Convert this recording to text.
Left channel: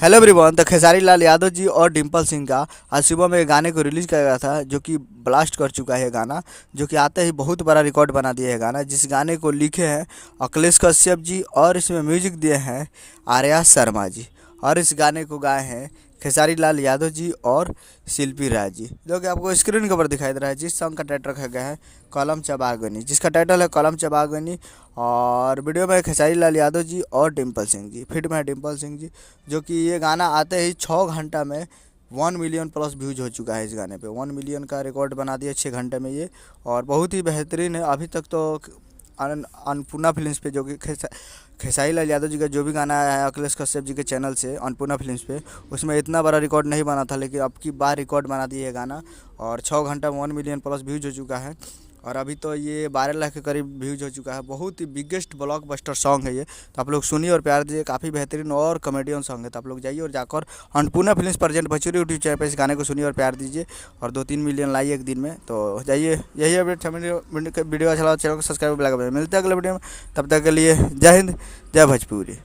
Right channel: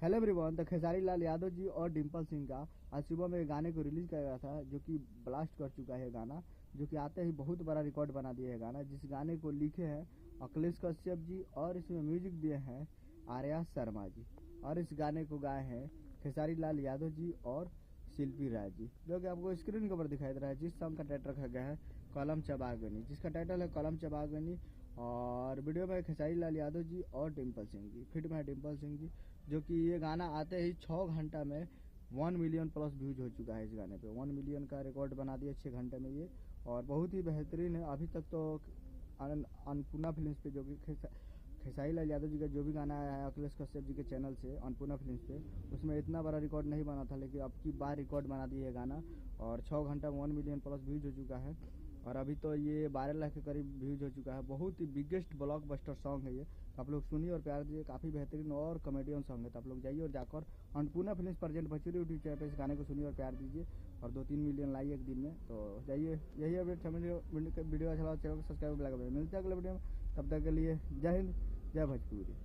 Hello everyone. तो खेसारी लाल यादव जी और डिम्पल सिंह का आज सुबह में गाने को रिलीज किया गया था, जो कि ब्लास्ट कर चुका है गाना। जो कि आते ही बहुत बड़ा रिकॉर्ड बना दिया है गाना, जिस गाने को लिखे हैं अखिलेश कश्यप जी और इसमें म्यूजिक दिए हैं आर्या शर्मा जी। और इस गाने को गाए हैं खेसारी लाल यादव जी और शिल्पी राज जी, जो कि आपको स्क्रीन के ऊपर दिखाई दे रहा है। जिस सॉन्ग का टाइटल रखा गया है कलम चबागनी, जिसका टाइटल है कलम चबागनी। और वीडियो में खेसारी लाल यादव जी और डिम्पल सिंह जी, फिट में है डिम्पल सिंह जी। जो कि ये गाना आते ही 6 घंटा में 1 मिलियन प्लस व्यूज हो चुका है। इस गाने पे 1 मिलियन का रिकॉर्ड बना दिया 6 घंटे में ये। और बहुत ही बेहतरीन है। अभी तक तो अन्नपूर्णा फिल्म्स पे, जो कि खेसारी लाल यादव जी का जो भी गाना आया है अखिलेश कश्यप जी के चैनल से अन्नपूर्णा फिल्म्स पे, उसमें इतना बड़ा रिकॉर्ड नहीं बना था, लेकिन अब की बार रिकॉर्ड बना दिया है गाना। और 6 घंटा में 1 मिलियन प्लस व्यूज हो चुका है। और अभी तो ये 12 लाख के करीब व्यूज हो चुका है। बहुत ही बिगेस्ट ब्लॉकबस्टर सॉन्ग है ये। तो आप लोग सुनिए और प्यार दीजिए। काफ़ी बेहतरीन और कॉमेडियन सॉन्ग है। तो आप लोग जाइए और जाकर Annapurna films present Bhojpuri YouTube channel पर इस गाने को सुनिए और प्यार दीजिए। और 2-3 मिलियन लाइए एक दिन में। तो जाइए, यही अपडेट है। वीडियो अच्छा लगा चैनल को सब्सक्राइब लगा। मिलते हैं अगले वीडियो में। तब तक के लिए जय हिंद, जय भोजपुरी।